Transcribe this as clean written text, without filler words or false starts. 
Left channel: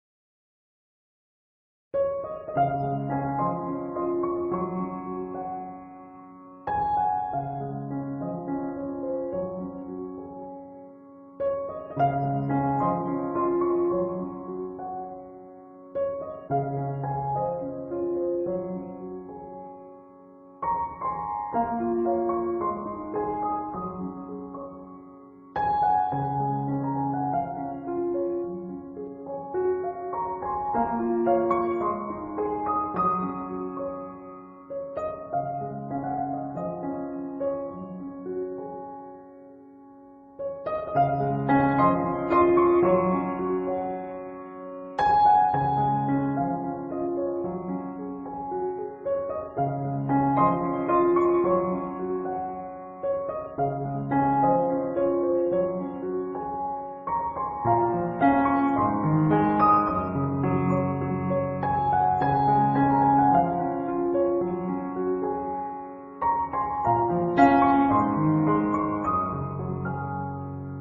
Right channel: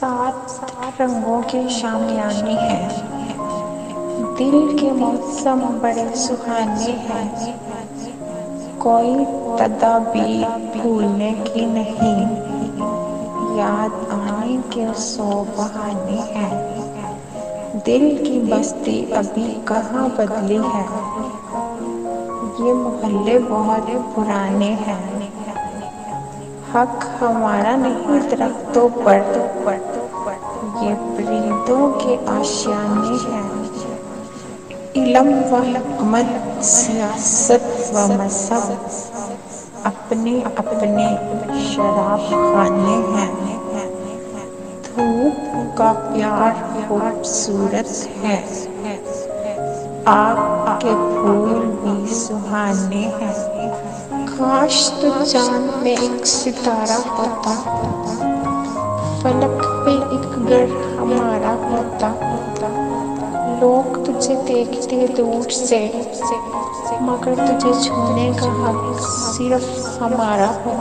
सात रंगों के शामियाने हैं, दिल के मौसम बड़े सुहाने हैं। कोई तदाबीर भूलने की नहीं, याद आने के 100 बहाने हैं। दिल की बस्ती अभी कहाँ बदली है, ये मोहल्ले बहुत पुराने हैं। हक हमारा नहीं दरख्तों पर, ये परिंदों के आशियाने हैं। इल्म व हिकमत, सियासत व मजहब अपने अपने शराब खाने हैं। धूप का प्यार खूबसूरत है, आग के फूल भी सुहाने हैं। काश तो चांद में एक सितारा होता, फलक पे एक ग्रह हमारा होता। लोग तुझे देखते दूर से, मगर तुझे छूने का हक सिर्फ हमारा होता।